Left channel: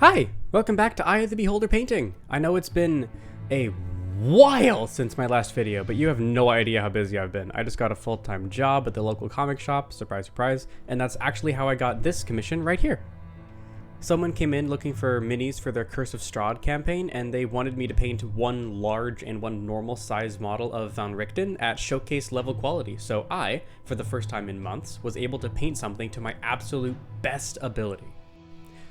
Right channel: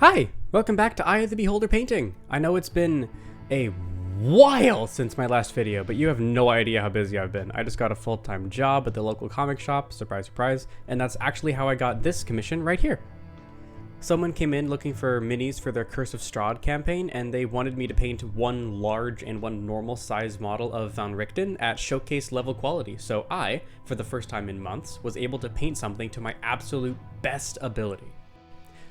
Hi, welcome back to Eye of the Beholder painting. I know it's been a while since my last video, but you have no idea how busy I've been. I just got a full-time job at the local comic shop, surprise, surprise, and that's actually how I got this commission right here. Someone came in looking for minis for their Curse of Strahd campaign, and they wanted me to paint one large and one normal size model of Von Richten at showcase level quality, so I, for the first time in months, was able to paint something to my absolute best ability.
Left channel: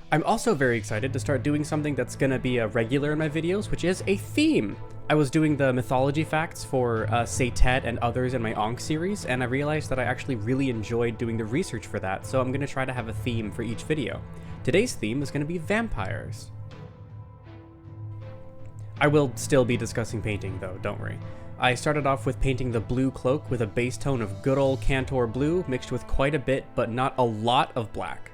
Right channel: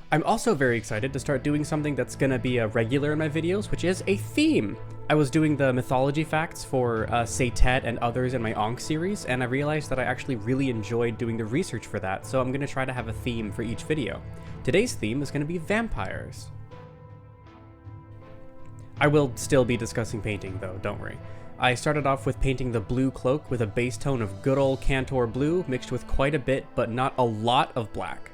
I'm also very excited to start doing something that's gonna be a regular in my videos, which is a theme. I was doing the mythology facts for Tet and others in my Ankh series, and I realized that I actually really enjoyed doing the research for that, so I'm gonna try to have a theme for each video. Today's theme is gonna be vampires. I will still be discussing painting though, don't worry. I started off with painting the blue cloak with a base tone of good old Cantor blue mixed with quite a bit, but not a lot of black.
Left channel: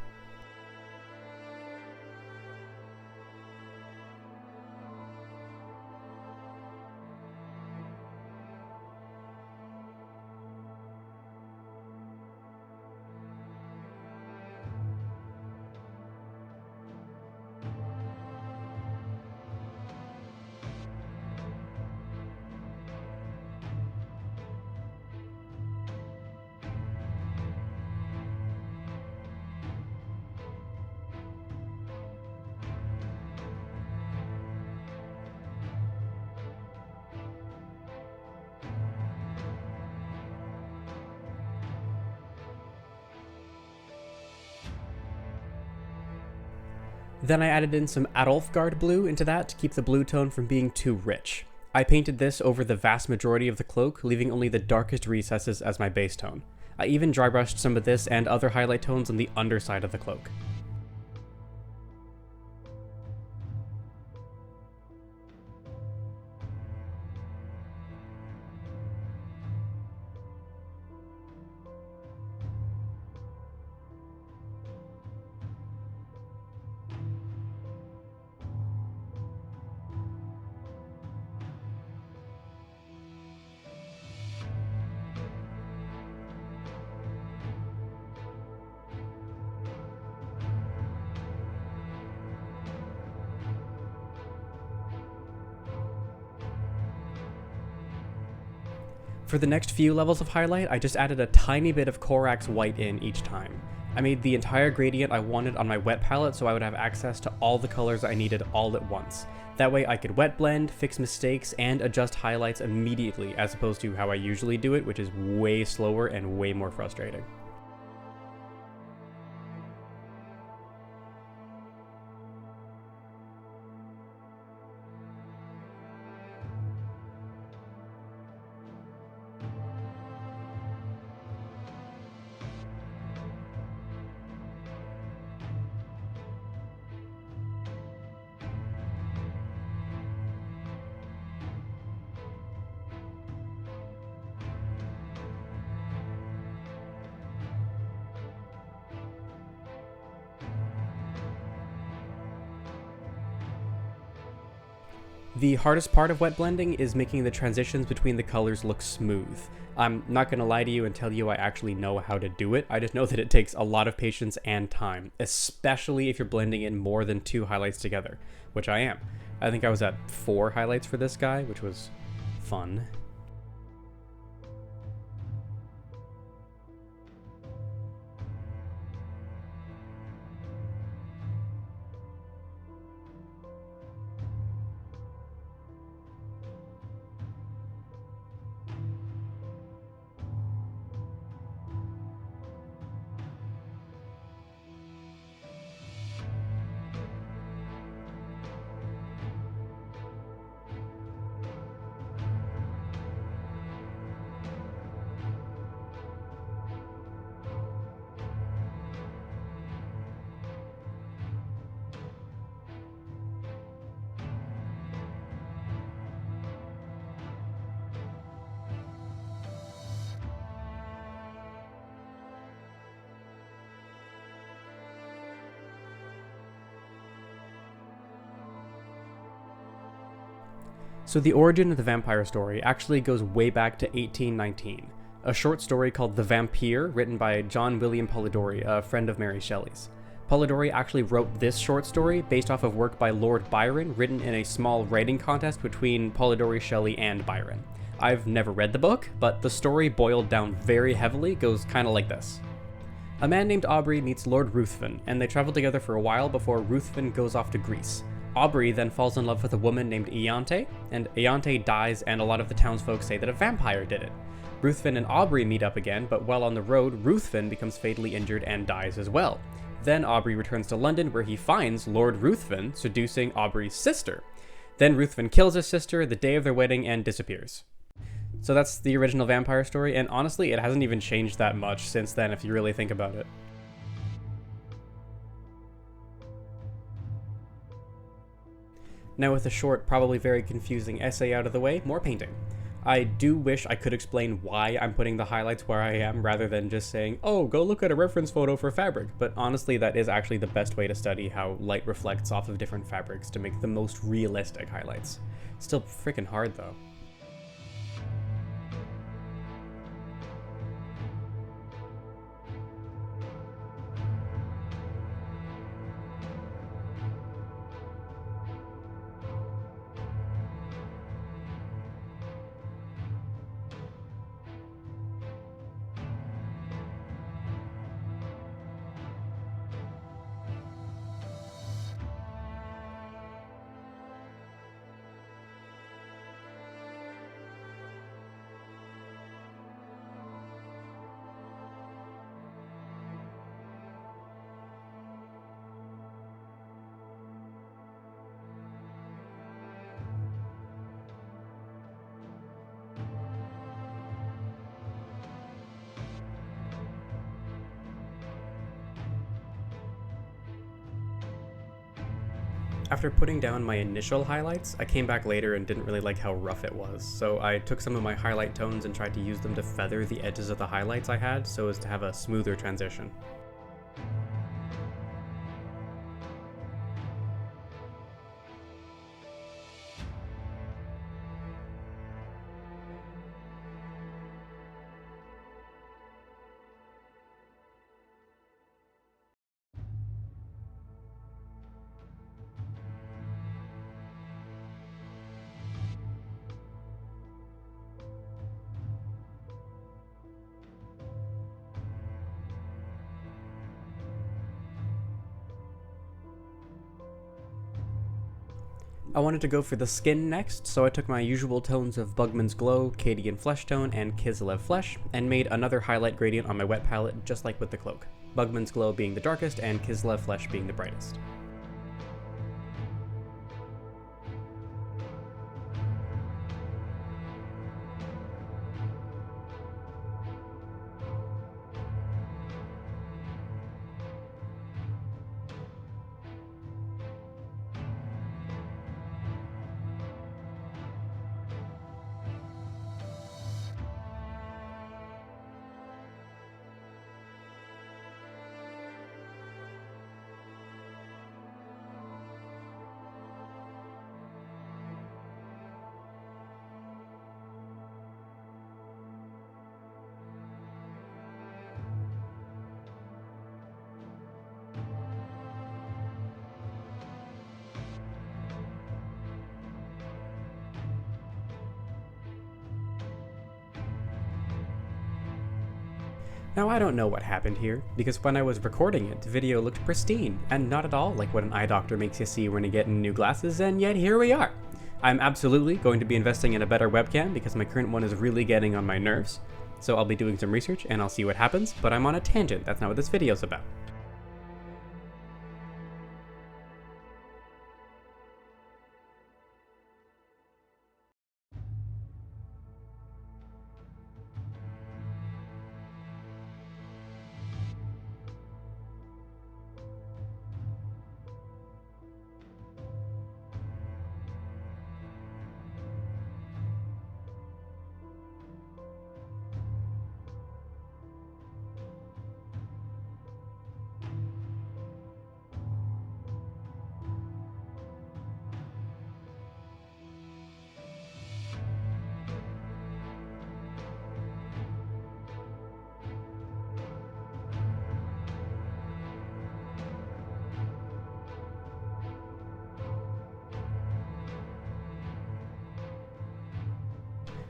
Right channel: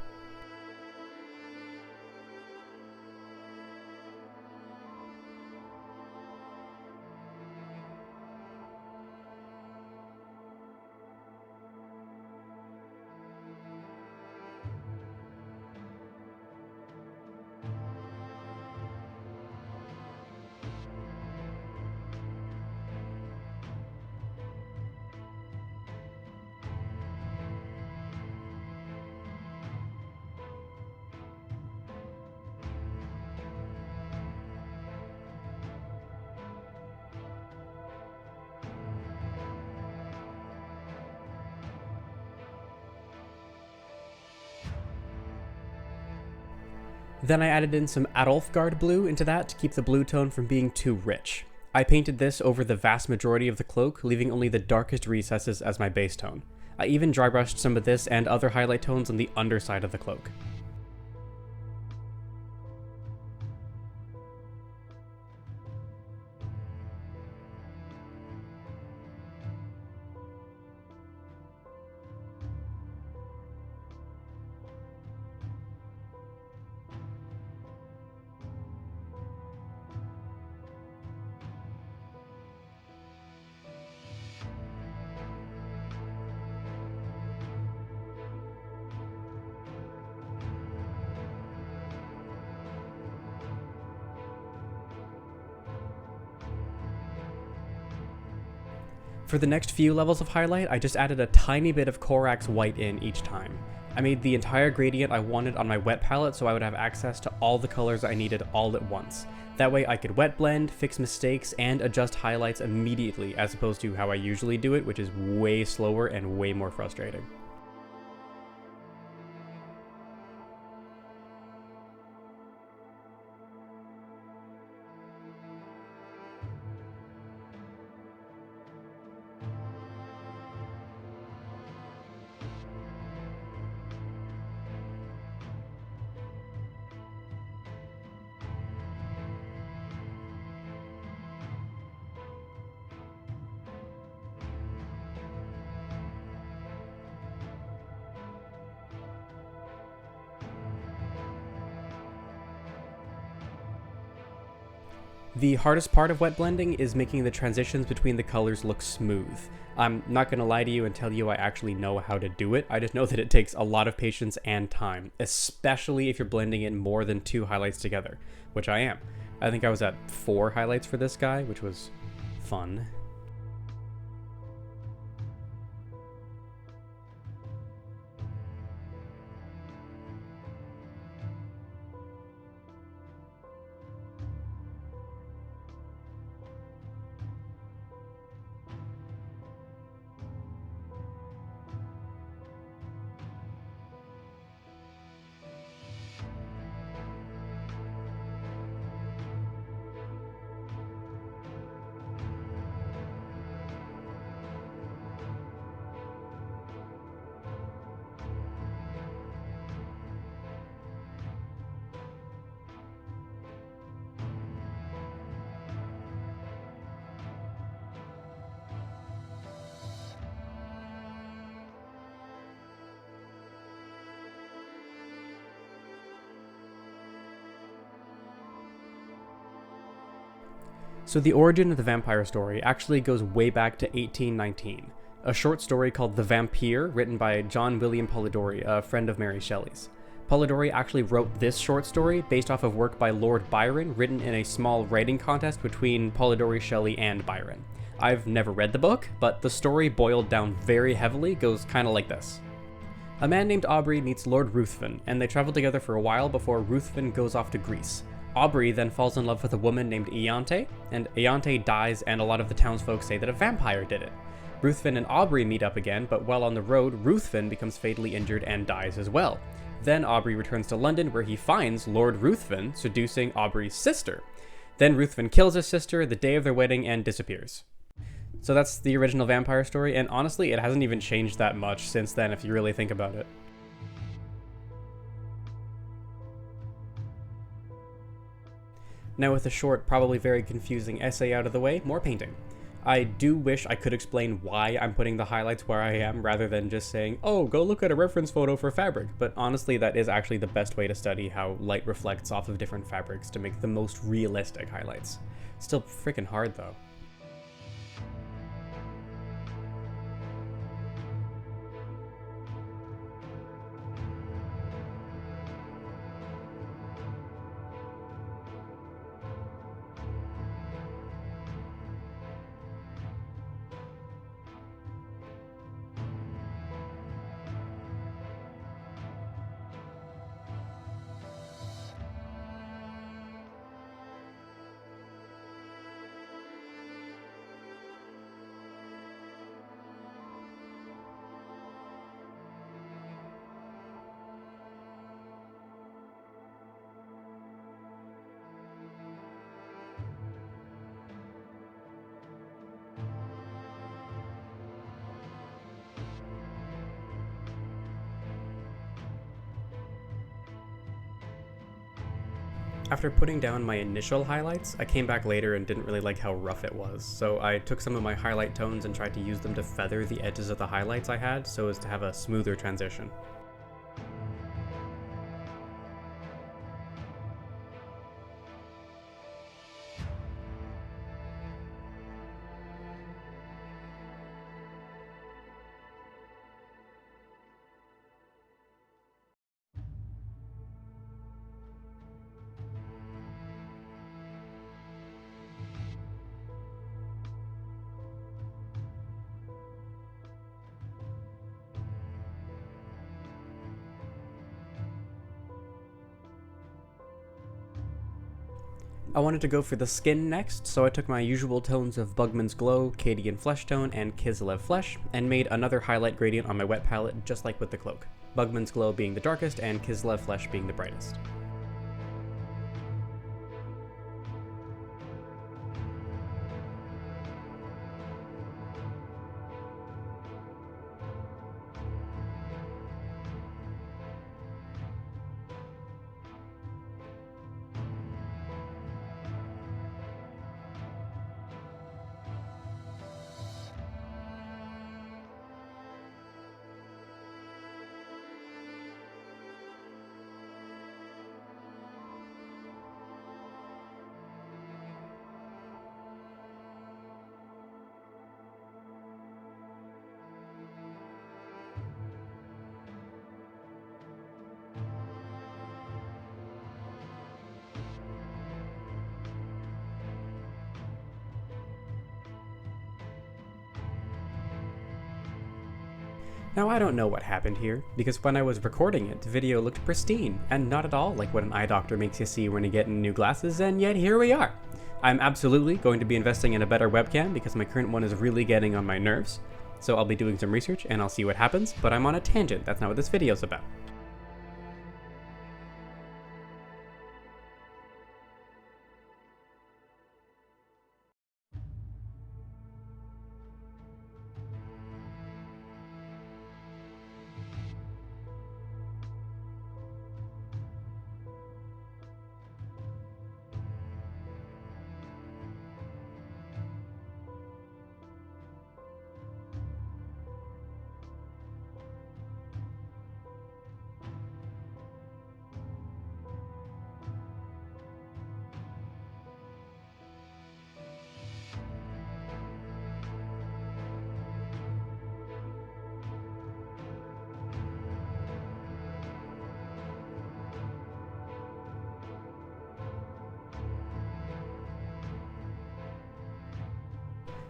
Then I added in some Adolfgard blue into that to keep the blue tone from being too rich. I painted this over the vast majority of the cloak, leaving only the darkest recesses as my base tone. I even dry brushed some of this and other highlight tones on the underside of the cloak. For the next few levels of highlight, I just added a tiny bit of Corax white in each time. I made the entire gradient I wanted on my wet palette so I would have access to all the colors I needed all at once. That way I could wet blend, fix mistakes, and adjust highlights immediately as opposed to how I usually do it, which is way slower and way more frustrating. The hardest part of wet blending is making the transitions between the colors look smooth. I'm not going to lie to you and tell you I actually know how to do it, I just know that it takes a lot of patience and time, especially if you're blending in more than 2 highlights together, which I am. I think I was at 4 highlights for this guy, which was fun. So the origin of the vampire story actually goes way back to 1819, a short story called The Vampire, written by John William Polidori, a friend of Mary Shelley's. Polidori actually wrote this short story based off of work by Lord Byron, written in a small writing contest between Polidori, Shelley, and Byron. I've never read the book, but the story, boiled down very heavily, goes kind of like this. A man named Aubrey meets Lord Ruthven, and they travel together for a while before Ruthven goes off to Greece. Aubrey then falls in love with a woman named Iante, and Iante dies, and a lot of the townsfolk say that a vampire did it. Ruthven and Aubrey meet up again, but while on the road, Ruthven becomes fatally injured and dies as well. Then Aubrey returns to London, where he finds Lord Ruthven seducing Aubrey's sister. Then Ruthven kills his sister the day of their wedding and disappears. So that's the original vampire story, and honestly, it hasn't even changed that much since then if you really think about it. Now with a short, probably very confusing essay out of the way, more painting. I do wish I could explain why I'm putting the highlights where I am rather than just saying, oh, go look at a reference photo for fabric, but honestly that is actually the best way to study how light reflects off of different fabrics to make the most realistic highlights. Still freaking hard though. After putting down my initial highlights, I came back later and didn't really like how rough it was, so I took some of my highlight tones and tried to use them to feather the edges of the highlights I had so as to have a smoother transition. I wanted to go for the skin next, so I took my usual tones of Bugman's Glow, Cadian Flesh Tone, and Kislev Flesh, and made another highlight gradient on my wet palette just like with the cloak. Bugman's Glow being the darkest and Kislev Flesh being the brightest. Now I don't know what happened here, because when I was recording it, the video looked pristine, and not at all like what an eye doctor makes you see when you get new glasses, and yet here we are. I'm absolutely going to be investing in a better webcam because my current one is really getting on my nerves, so I'll be doing some research and I'll see what happens, but I'm on a tangent, that's not what this video's about.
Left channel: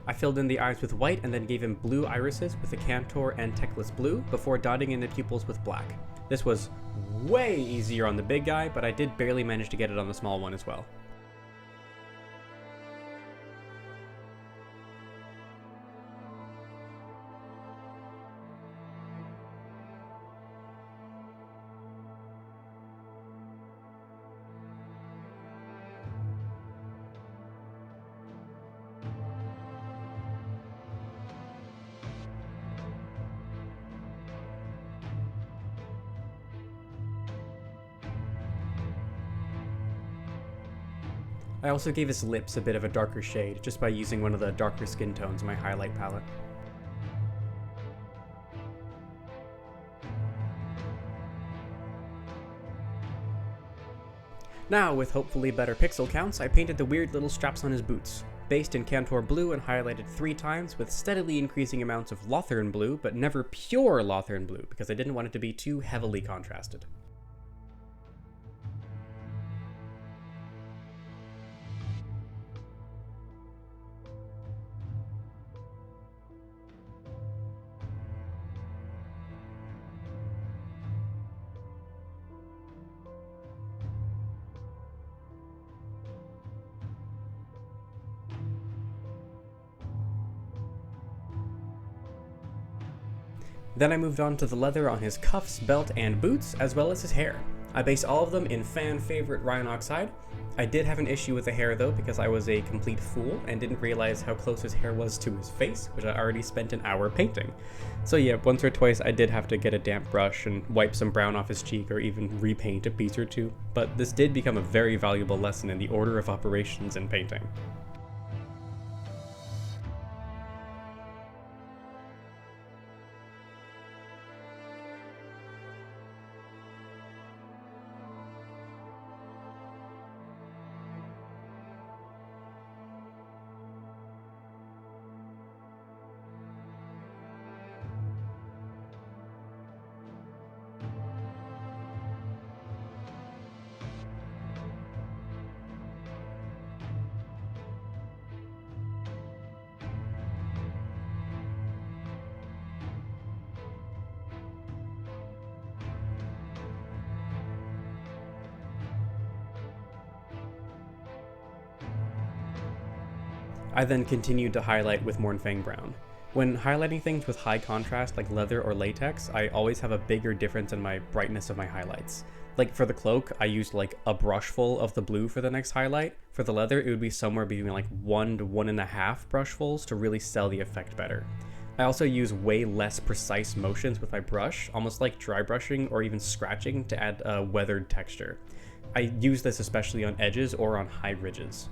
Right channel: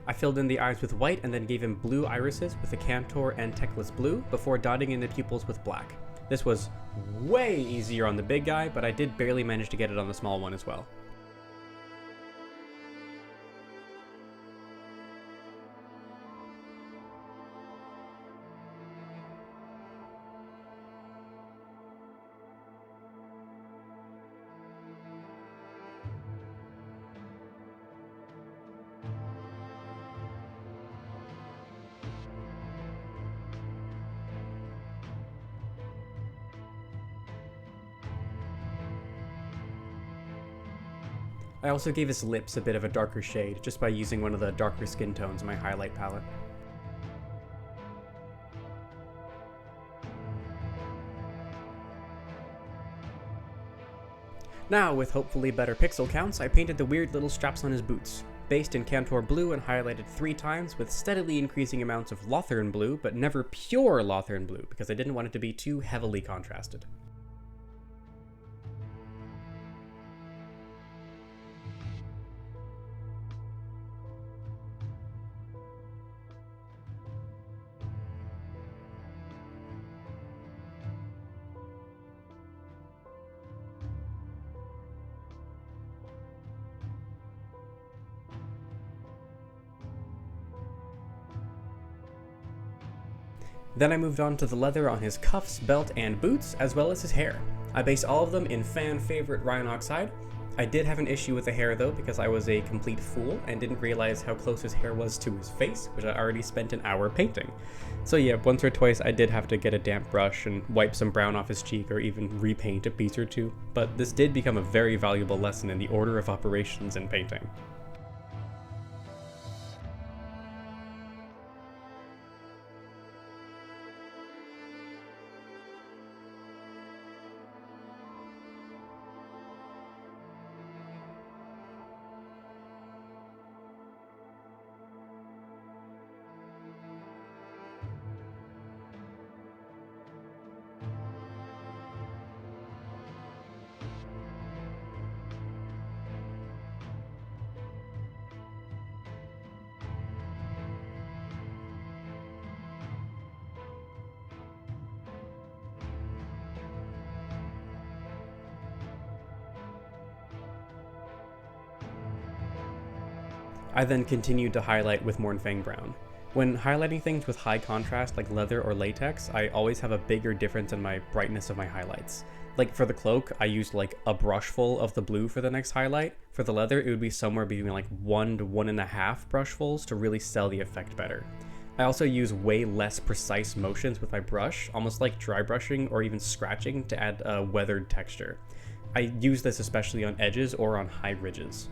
I filled in the eyes with white and then gave him blue irises with a Cantor and Teclis blue before dotting in the pupils with black. This was way easier on the big guy, but I did barely manage to get it on the small one as well. I also gave his lips a bit of a darker shade just by using one of the darker skin tones in my highlight palette. Now, with hopefully better pixel counts, I painted the weird little straps on his boots. Based in Cantor blue and highlighted 3 times with steadily increasing amounts of Lothern blue, but never pure Lothern blue because I didn't want it to be too heavily contrasted. Then I moved on to the leather on his cuffs, belt, and boots, as well as his hair. I based all of them in fan favorite Ryan Oxide. I did have an issue with the hair though, because I was a complete fool and didn't realize how close his hair was to his face, which I already spent an hour painting. So yeah, once or twice I did have to get a damp brush and wipe some brown off his cheek or even repaint a piece or two, but this did become a very valuable lesson in the order of operations in painting. I then continued to highlight with Mornfang Brown. When highlighting things with high contrast like leather or latex, I always have a bigger difference in my brightness of my highlights. Like for the cloak, I used like a brush full of the blue for the next highlight. For the leather, it would be somewhere between like 1 to 1.5 brushfuls to really sell the effect better. I also use way less precise motions with my brush, almost like dry brushing or even scratching to add a weathered texture. I use this especially on edges or on high ridges.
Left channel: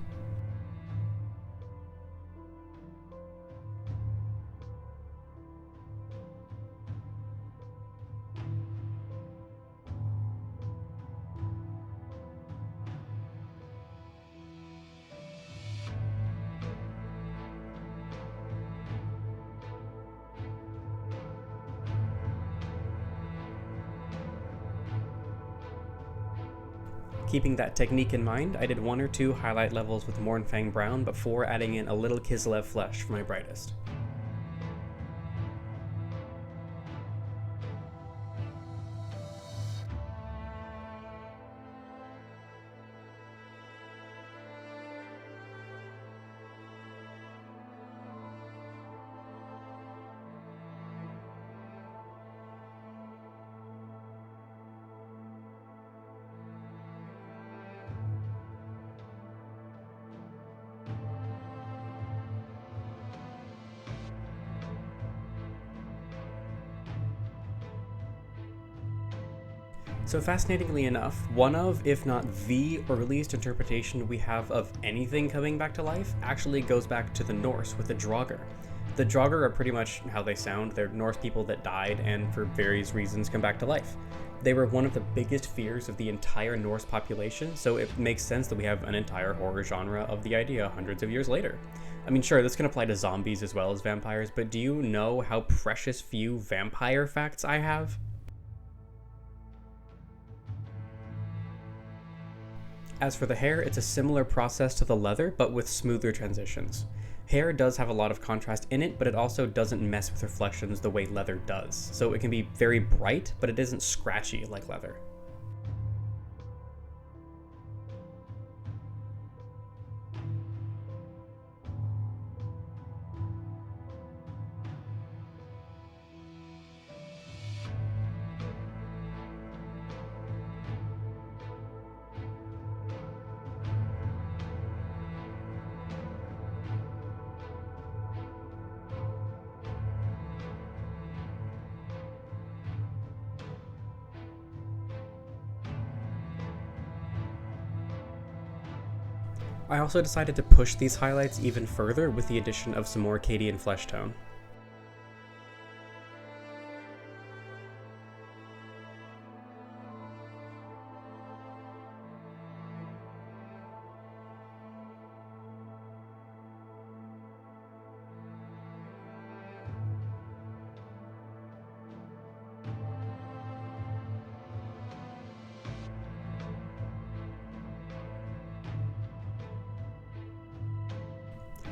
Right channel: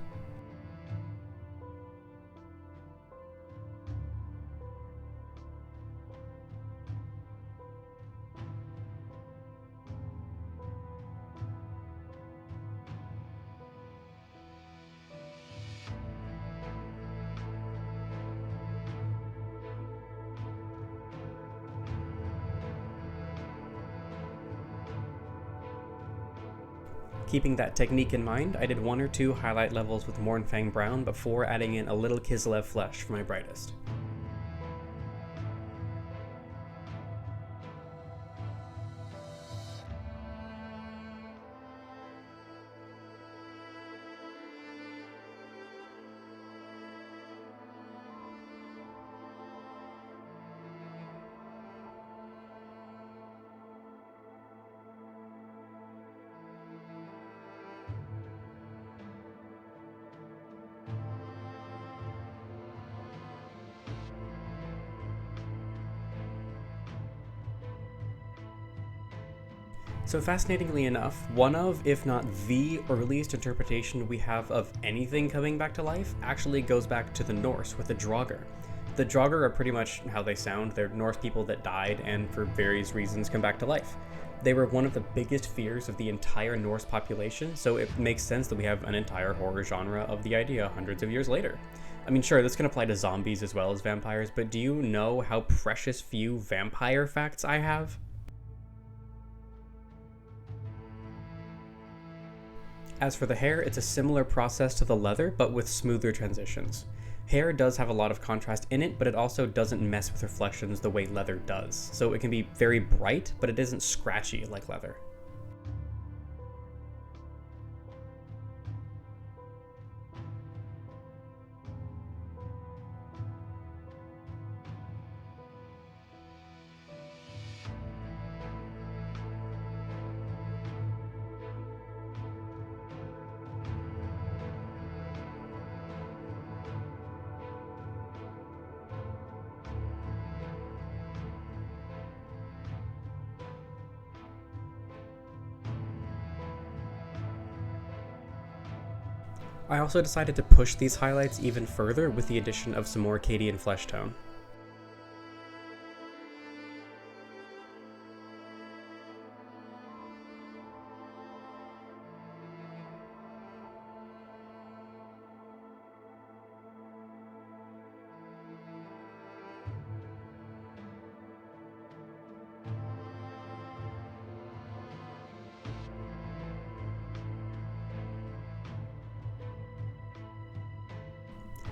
Keeping that technique in mind, I did 1 or 2 highlight levels with Mornfang Brown before adding in a little Kislev Flesh for my brightest. So fascinatingly enough, one of, if not the earliest interpretation we have of anything coming back to life actually goes back to the Norse with the Draugr. The Draugr are pretty much how they sound. They're Norse people that died and for various reasons come back to life. They were one of the biggest fears of the entire Norse population, so it makes sense that we have an entire horror genre of the idea hundreds of years later. I mean, sure, this can apply to zombies as well as vampires, but do you know how precious few vampire facts I have? As for the hair, it's a similar process to the leather, but with smoother transitions. Hair does have a lot of contrast in it, but it also doesn't mess with reflections the way leather does. So it can be very bright, but it isn't scratchy like leather. I also decided to push these highlights even further with the addition of some more Acadian flesh tone.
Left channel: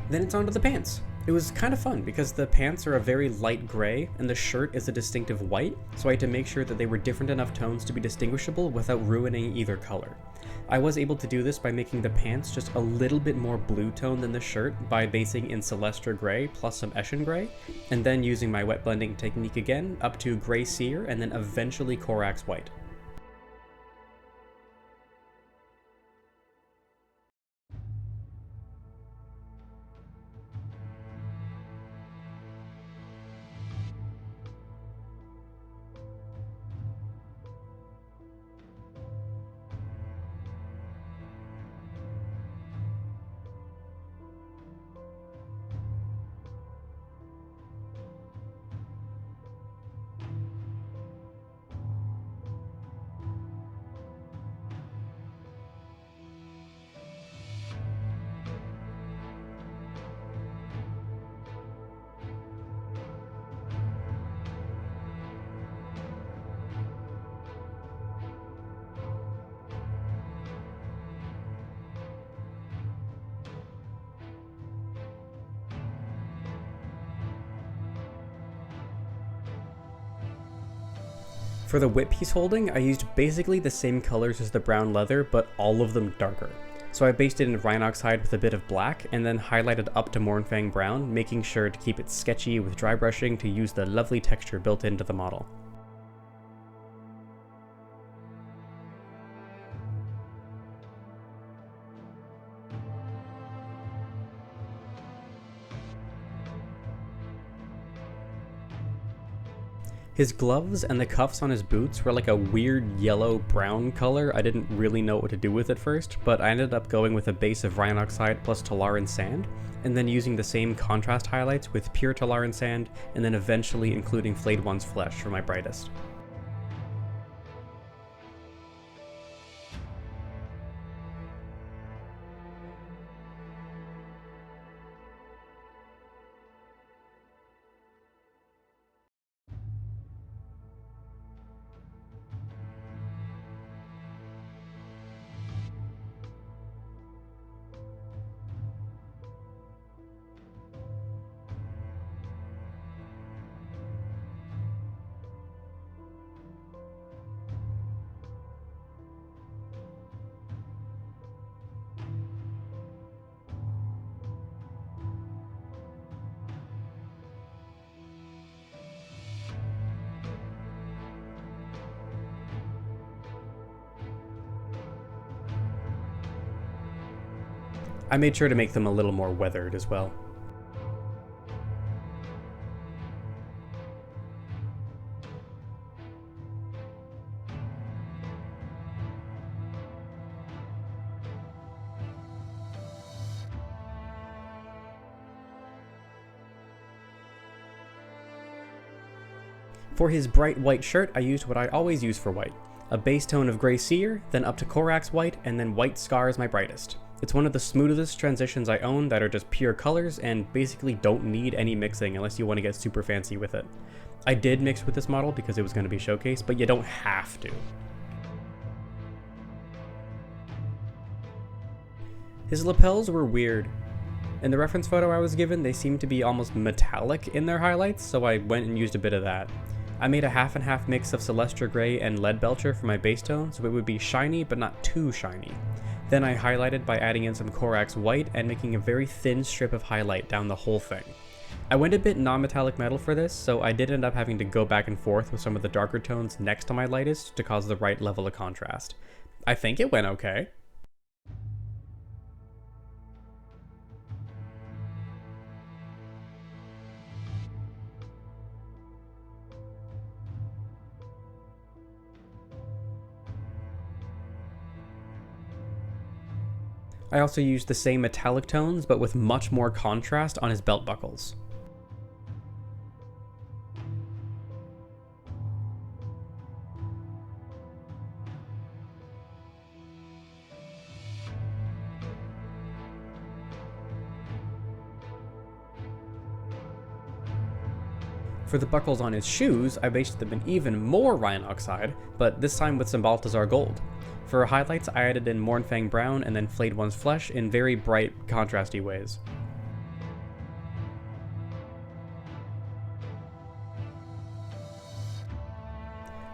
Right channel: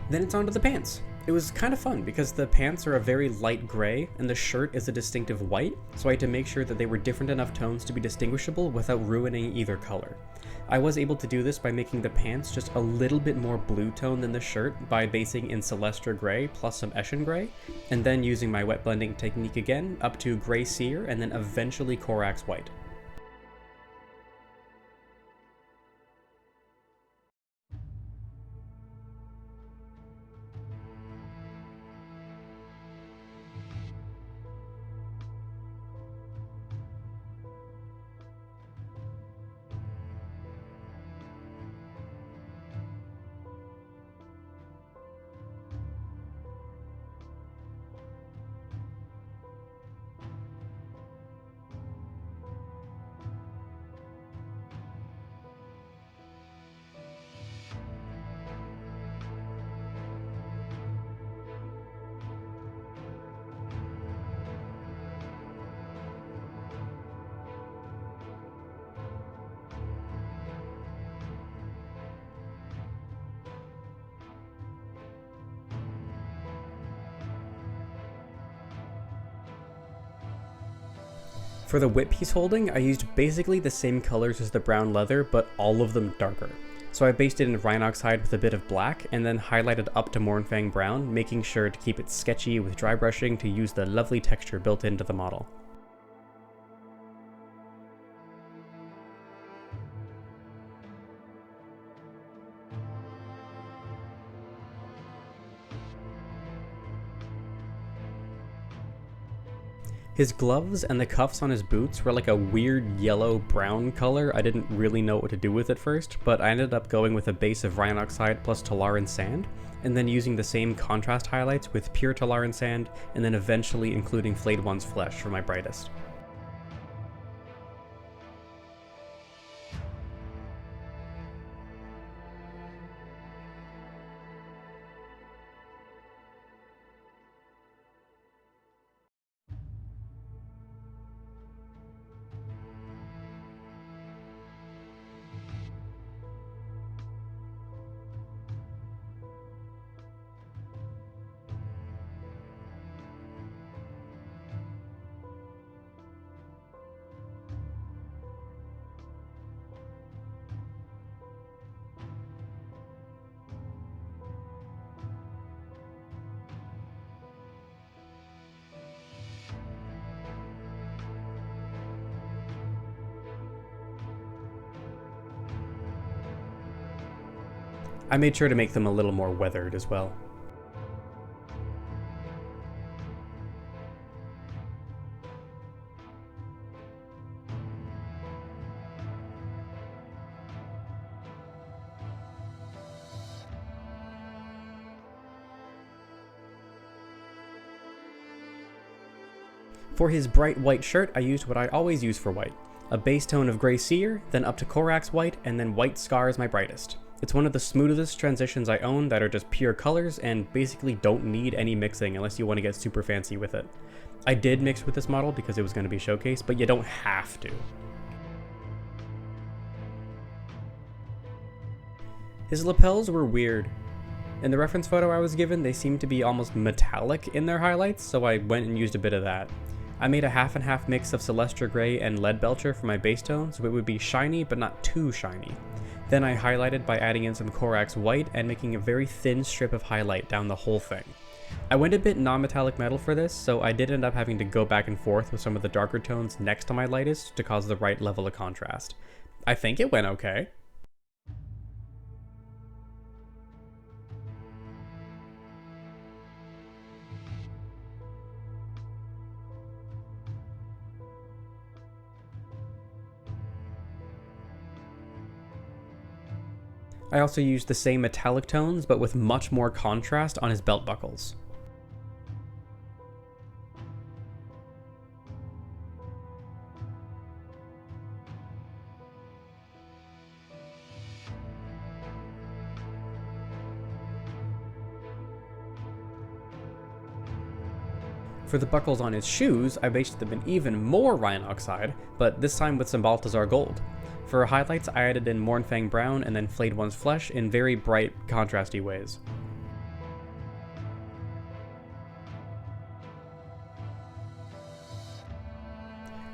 Then it's on to the pants. It was kind of fun because the pants are a very light gray and the shirt is a distinctive white, so I had to make sure that they were different enough tones to be distinguishable without ruining either color. I was able to do this by making the pants just a little bit more blue tone than the shirt by basing in Celestra Gray plus some Eshin Gray, and then using my wet blending technique again up to Gray Seer and then eventually Corax White. For the whip piece holding, I used basically the same colors as the brown leather, but all of them darker. So I based it in Rhinox hide with a bit of black, and then highlighted up to Mournfang brown, making sure to keep it sketchy with dry brushing to use the lovely texture built into the model. His gloves and the cuffs on his boots were like a weird yellow-brown color. I didn't really know what to do with at first, but I ended up going with a base of Rhinox hide plus Talaran sand, and then using the same contrast highlights with pure Talaran sand, and then eventually including Flayed One's flesh for my brightest. I made sure to make them a little more weathered as well. For his bright white shirt, I used what I always use for white. A base tone of Gray Seer, then up to Corax White, and then White Scar is my brightest. It's one of the smoothest transitions I own that are just pure colors and basically don't need any mixing unless you want to get super fancy with it. I did mix with this model because it was going to be showcased, but you don't have to. His lapels were weird. In the reference photo I was given, they seemed to be almost metallic in their highlights, so I went and used a bit of that. I made a half and half mix of Celestra Gray and Lead Belcher for my base tone, so it would be shiny but not too shiny. Then I highlighted by adding in some Corax White and making a very thin strip of highlight down the whole thing. I went a bit non-metallic metal for this, so I did end up having to go back and forth with some of the darker tones next to my lightest to cause the right level of contrast. I think it went okay. I also used the same metallic tones, but with much more contrast on his belt buckles. For the buckles on his shoes, I based them in even more Rhinoxide, but this time with some Balthazar Gold. For highlights, I added in Mournfang Brown and then Flayed One's Flesh in very bright, contrasty ways.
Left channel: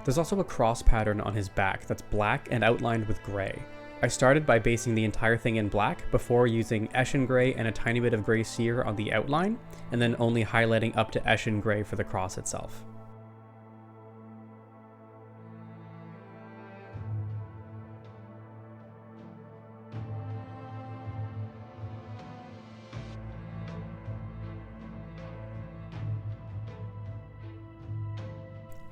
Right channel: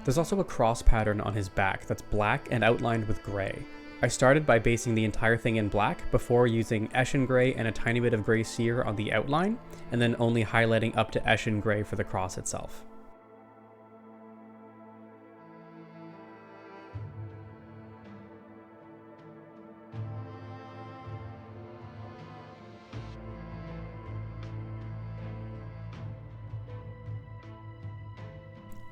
There's also a cross pattern on his back that's black and outlined with gray. I started by basing the entire thing in black before using Eshin Gray and a tiny bit of Gray Seer on the outline, and then only highlighting up to Eshin Gray for the cross itself.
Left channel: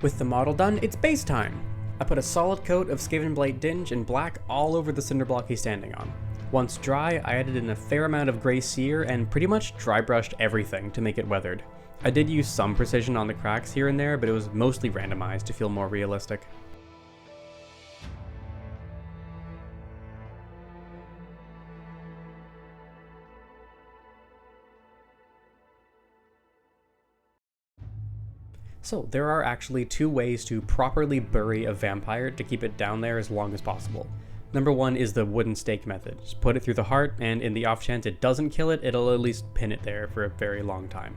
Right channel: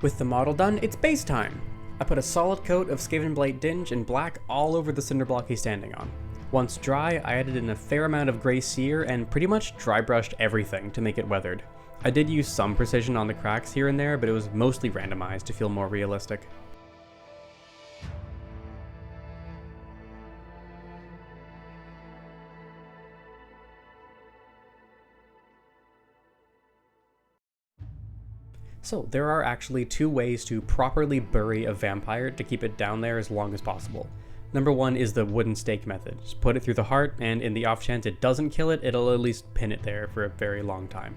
With the model done, it's base time! I put a solid coat of Skavenblight Dinge in black all over the cinder block he's standing on. Once dry, I added in a fair amount of Gray Seer and pretty much dry brushed everything to make it weathered. I did use some precision on the cracks here and there, but it was mostly randomized to feel more realistic. So, there are actually two ways to properly bury a vampire to keep it down there as long as possible. Number one is the wooden stake method. Just put it through the heart, and in the off chance it doesn't kill it, it'll at least pin it there for a very long time.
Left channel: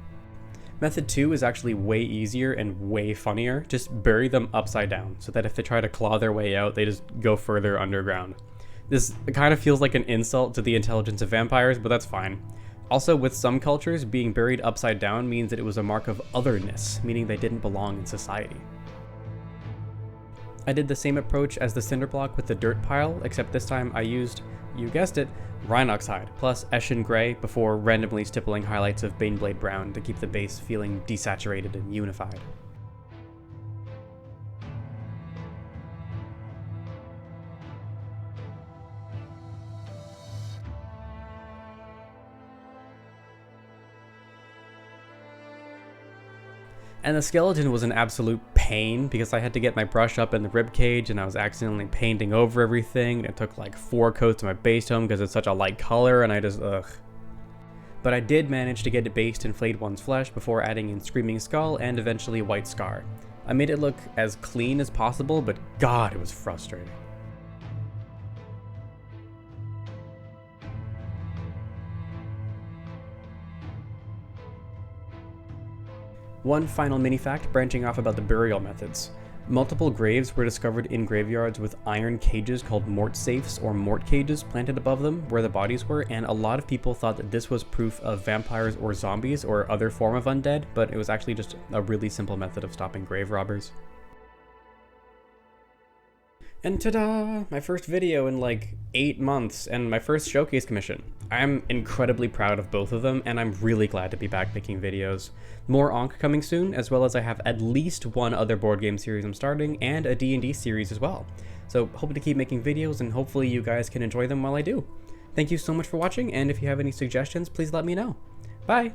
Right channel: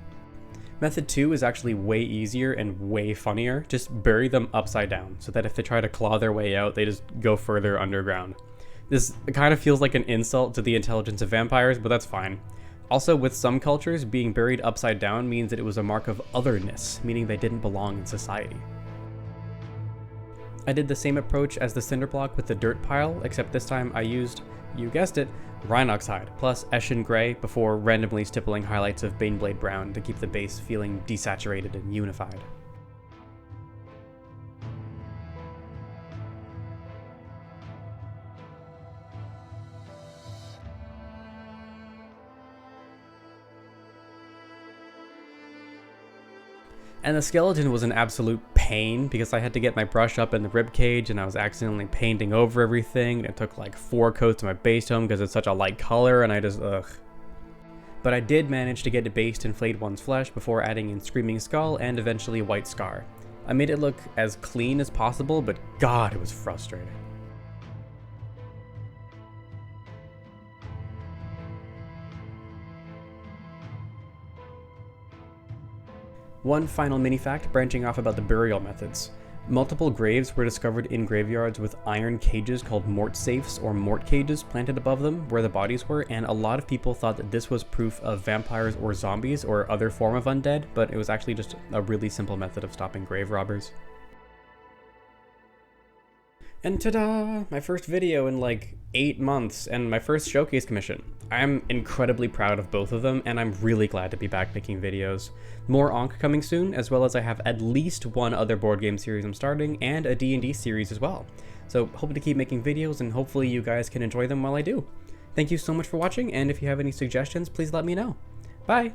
Method two is actually way easier and way funnier. Just bury them upside down, so that if they try to claw their way out, they just go further underground. This kind of feels like an insult to the intelligence of vampires, but that's fine. Also, with some cultures, being buried upside down means that it was a mark of otherness, meaning they didn't belong in society. I did the same approach as the cinder block with the dirt pile, except this time I used, you guessed it, Rhinoxide plus Eshin Gray before randomly stippling highlights of Baneblade Brown to keep the base feeling desaturated and unified. And the skeleton was an absolute pain because I had to get my brush up in the ribcage and I was accidentally painting over everything. It took like 4 coats of my base tone because it's such a light color and I just, ugh. But I did manage to get it based in Flayed One's Flesh before adding in Screaming Skull and eventually White Scar. I made it look as clean as possible, but God, it was frustrating. One final mini fact branching off about the burial methods. Multiple graves were discovered in graveyards with iron cages called mort safes or mort cages planted above them where the bodies were, and a lot of people thought that this was proof of vampires or zombies or other form of undead, but it was actually just a really simple method of stopping grave robbers. And ta-da! My first video in like 8 months and my first showcase commission. I'm incredibly proud of both of them and I'm really glad to be back making videos. More Onk coming soon, as well as I have at least one other board game series I'm starting and a D&D series as well. So hope to keep making videos and hopefully you guys can enjoy them while I do. Thank you so much for watching, and if you have any suggestions, please let me know. Bye!